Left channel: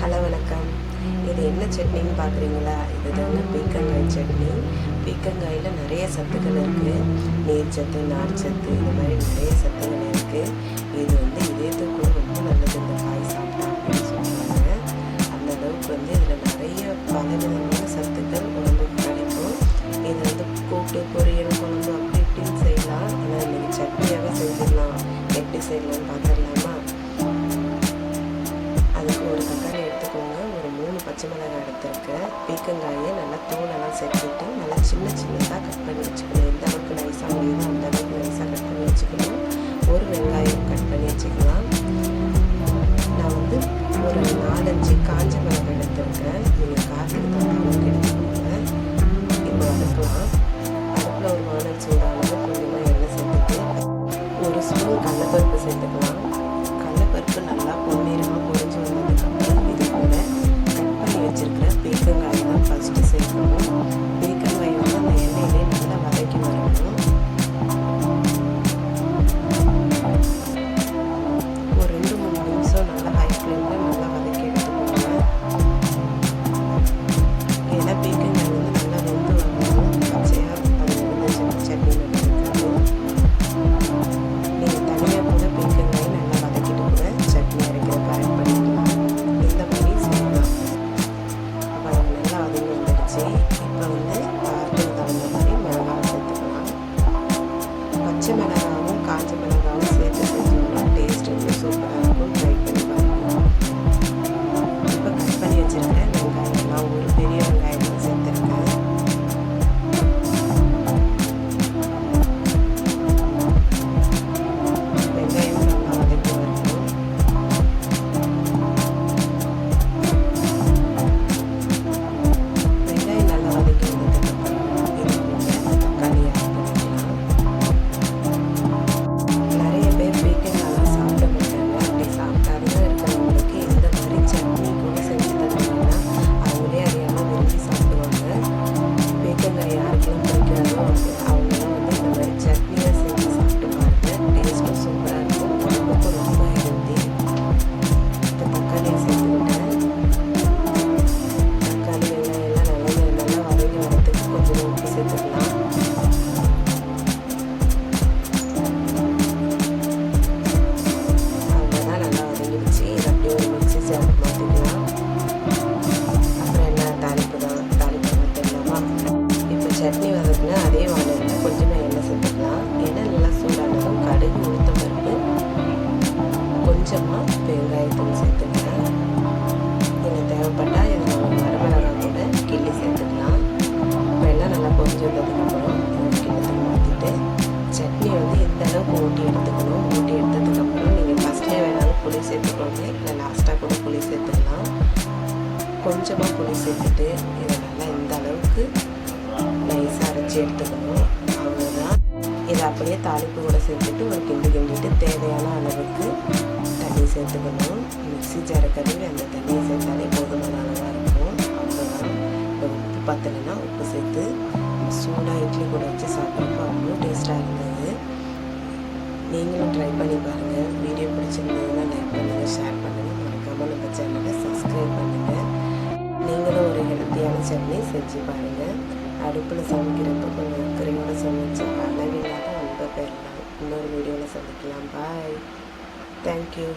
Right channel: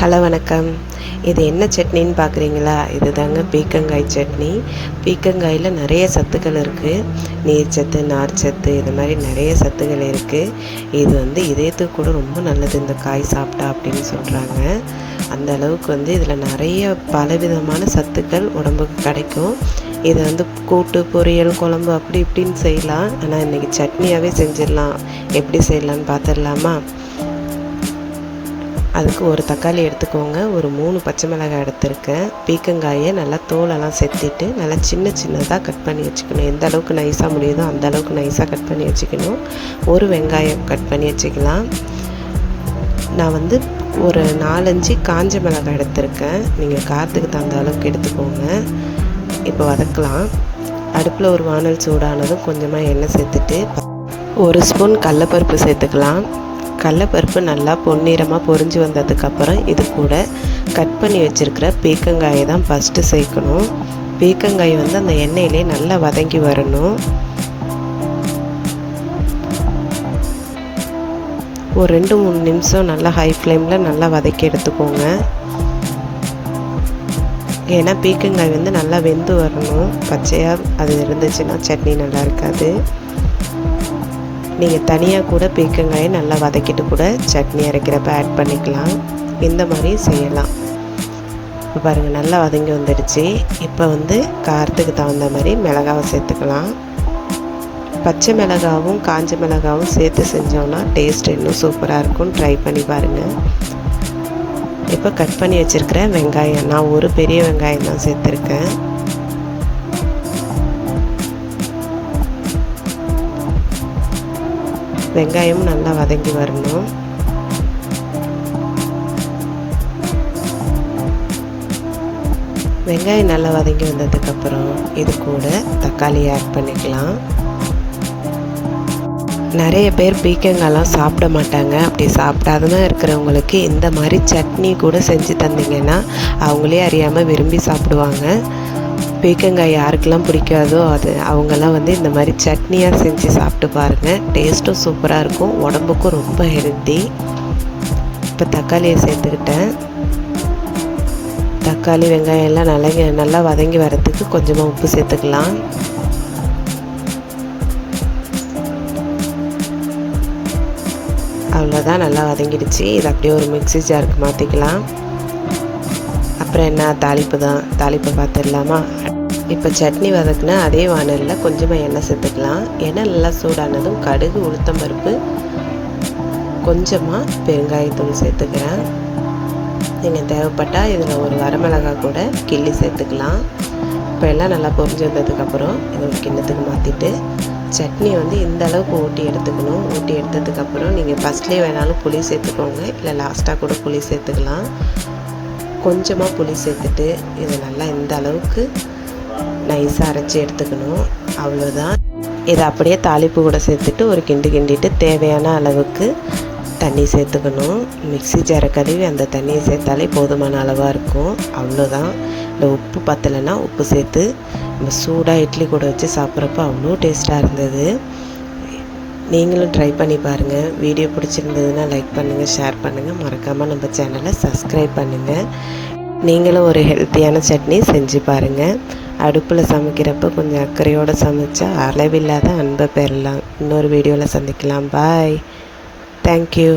Hello வணக்கம். இது என்ன சட்னின்னு பார்க்குறீங்களா? இது தாங்க பீர்க்கங்காய் சட்னி. பீர்க்கங்காயில் நிறைய சத்துக்கள் இருக்குது. நீர்ச்சத்து, நார்ச்சத்து, இது மாதிரி நிறைய சத்துக்கள் இருக்குது. இது இதயத்துக்கு கூட ரொம்ப நல்லது இந்த காய் சாப்பிட்டா அப்படின்னு சொல்கிறாங்க. அந்த அளவுக்கு இதில் நிறைய பலவிதமான சத்துக்கள் உடம்புக்கு கிடைக்கும். இதை கூட்டு, பொரியல், குழம்பு அப்படி இப்படின்னு செய்யலாம். ஆனால் இன்றைக்கி சட்னியாகவே செஞ்சிடலாம். எப்படி செய்யலான்னு பார்த்துடலாமா? அதுக்கு ஒரு தக்காளி எடுத்துக்கோங்க, ஒரு 3 பச்சை மிளகாய் எடுத்துருக்கேன். பீர்க்கங்காயை நல்லா தோலெல்லாம் செத்திட்டு நல்லா சின்ன சின்னதாக கட் பண்ணி வச்சுக்கணும். எந்த அளவுக்கு நைஸாக முடியுதோ அந்த அளவுக்கு நைஸாக கட் பண்ணி வச்சுக்கணும். ஒரு வெங்காயம் கட் பண்ணி வச்சுக்கலாம். நான் ஒரு 4-5 காஞ்ச மிளகாய் எடுத்திருக்கேன். நீங்கள் காரத்துக்கு தகுந்த அளவுக்கு எடுத்துக்கோங்க. இப்போ வதக்கலாம். அடுப்பில் ஒரு வானல் சூடானதும் கொஞ்சமாக எண்ணெய் சேர்த்துட்டு 1 ஸ்பூன் கடலைப்பருப்பு சேர்த்துக்கலாம். கடலைப்பருப்பு நல்லா பொன்னிறமாக பொரிஞ்சு வந்ததுக்கப்புறம் இது கூட கட் பண்ணி வச்சுருக்கிற பீர்க்கங்காயை தான் ஃபஸ்ட்டு சேர்க்கணும். பீர்க்கங்காய் அந்த எண்ணெயிலே நல்லா வதங்கி வரணும். ஒரு 2-3 நிமிஷம் நல்லா ஹை ஃப்ளேமில் நல்லா வதக்கி எடுத்துக்கோங்க. ஏன்னா பீர்க்கங்காய் நல்லா வெந்து வரணும். பச்சையாக அது இருந்துச்சுன்னா சட்னி நல்லா இருக்காது. நீங்கள் தனியாக கூட பீர்க்கங்காயை நல்லா வதக்கிட்டு கூட சட்னி அரைக்கிறப்ப ஆட் பண்ணிக்கலாம். இந்த மாதிரி செய்யலாம். இப்போ பாருங்கள் நல்லா வதங்கி வந்துடுச்சு. இப்போ காரத்துக்கு தகுந்த மாதிரி மிளகாவை சேர்த்துக்கலாம். பச்சை மிளகாவும் காஞ்ச மிளகாவும் சேர்த்து செஞ்சோன்னா டேஸ்ட் இன்னும் சூப்பராக இருக்கும். ட்ரை பண்ணி பாருங்கள். இப்போ கட் பண்ணி வச்சுருக்கிற வெங்காயம், நான் ஒரு பெரிய வெங்காயம் தான் சேர்த்துருக்கேன். வெங்காயம் நல்லா வதங்கி வரணும். வெங்காயம் நல்லா வதங்கி வந்ததுக்கப்புறம் இது கூட தக்காளி ஆட் பண்ணிக்கலாம். நிறைய பேர் பீர்க்கங்காய்லாம் சாப்பிட மாட்டாங்க. அப்படி சாப்பிடாததான் இருக்கிறவங்களுக்கு இந்த மாதிரி சட்னி கூட செஞ்சு தந்தீங்கன்னா அவங்களே அறியாமல் விரும்பி சாப்பிடுவாங்க. பீர்க்கங்காய் யாருக்கெல்லாம் பிடிக்காதோ அவங்கெல்லாம் இந்த மாதிரி சட்னியாக செஞ்சு சாப்பிட்டு பாருங்கள். டேஸ்ட்டும் சூப்பராக இருக்கும், உடம்புக்கும் ரொம்ப ஹெல்த்தி. இப்போ தக்காளியை சேர்த்துக்கிட்டேன். தக்காளி வெங்காயம் எல்லாம் நல்லா வதங்கி வரத்துக்கு கொஞ்சமாக உப்பு சேர்த்துக்கலாம். அவ்வளோதான், நல்லா வதங்கிடுச்சு. இது அப்படியே ஒரு மிக்ஸி ஜாருக்கு மாற்றிக்கலாம். அப்புறம் என்ன, தாளிப்பை பார்த்துடலாமா? இப்போ சட்னி வதக்குனா அதே வானலில் கொஞ்சமாக எண்ணெய் சேர்த்துக்கலாம். எண்ணெய் நல்லா சூடானதும் கடுகு, உளுத்தம்பருப்பு, கொஞ்சமாக பெருங்காயத்தூள் சேர்த்துக்கிறேன். நீங்கள் தேவைப்பட்டால் இதில் ஒரு வரமிளகாய் கூட கிள்ளி சேர்த்துக்கலாம். இப்போ எல்லாம் நல்லா பொரிஞ்சு வந்ததுக்கப்புறம் இது ஒரு கிண்ணத்துக்கு மாற்றிட்டு சட்னி இந்த அளவுக்கு ஊட்டி எடுத்துக்கணும். ஊட்டி எடுத்ததுக்கப்புறம் நீங்கள் ஃபஸ்ட்லேயே வேணாலும் புளி சேர்த்துக்கோங்க, இல்லை லாஸ்ட்டாக கூட புளி சேர்த்துக்கலாம். கொஞ்சமாக புளி சேர்த்துட்டு இதை நல்லா இந்த அளவுக்கு நைஸாக அரைச்சி எடுத்துக்கணும். அவ்வளோதான். இதை அப்படியே தாளிப்பு கூட சேர்த்துட்டு ஒரு கிண்டிட்டு தேவையான அளவுக்கு தண்ணி சேர்த்துக்கணும். மிக்ஸி ஜாரை கழுவி அந்த தண்ணியை சேர்த்தாலே போதுமான அளவாக இருக்கும். அவ்வளோதான். இந்த உப்பு பத்தலைன்னா உப்பு சேர்த்து நம்ம சூடாக இட்லி கூட வச்சு சாப்பிட்றப்ப அவ்வளோ டேஸ்ட்டாக இருந்தது. நீங்களும் ட்ரை பண்ணி பாருங்கள். வீடியோ பிடிச்சிருந்ததுன்னா லைக் பண்ணுங்கள், ஷேர் பண்ணுங்கள். மறக்காமல் நம்ம சேனலை சப்ஸ்கிரைப் பண்ணுங்கள். நீங்களும் ஒரு ஹெல்த்தியான சட்னி செஞ்சு பாருங்கள். அடுப்பில் சமைக்கிறப்ப கொஞ்சம் அக்கறையோடு சமைச்சா அளவில்லாத அன்பை பெறலாம். இன்னொரு வீடியோவில் சந்திக்கலாம். பாய். தேங்க்யூ.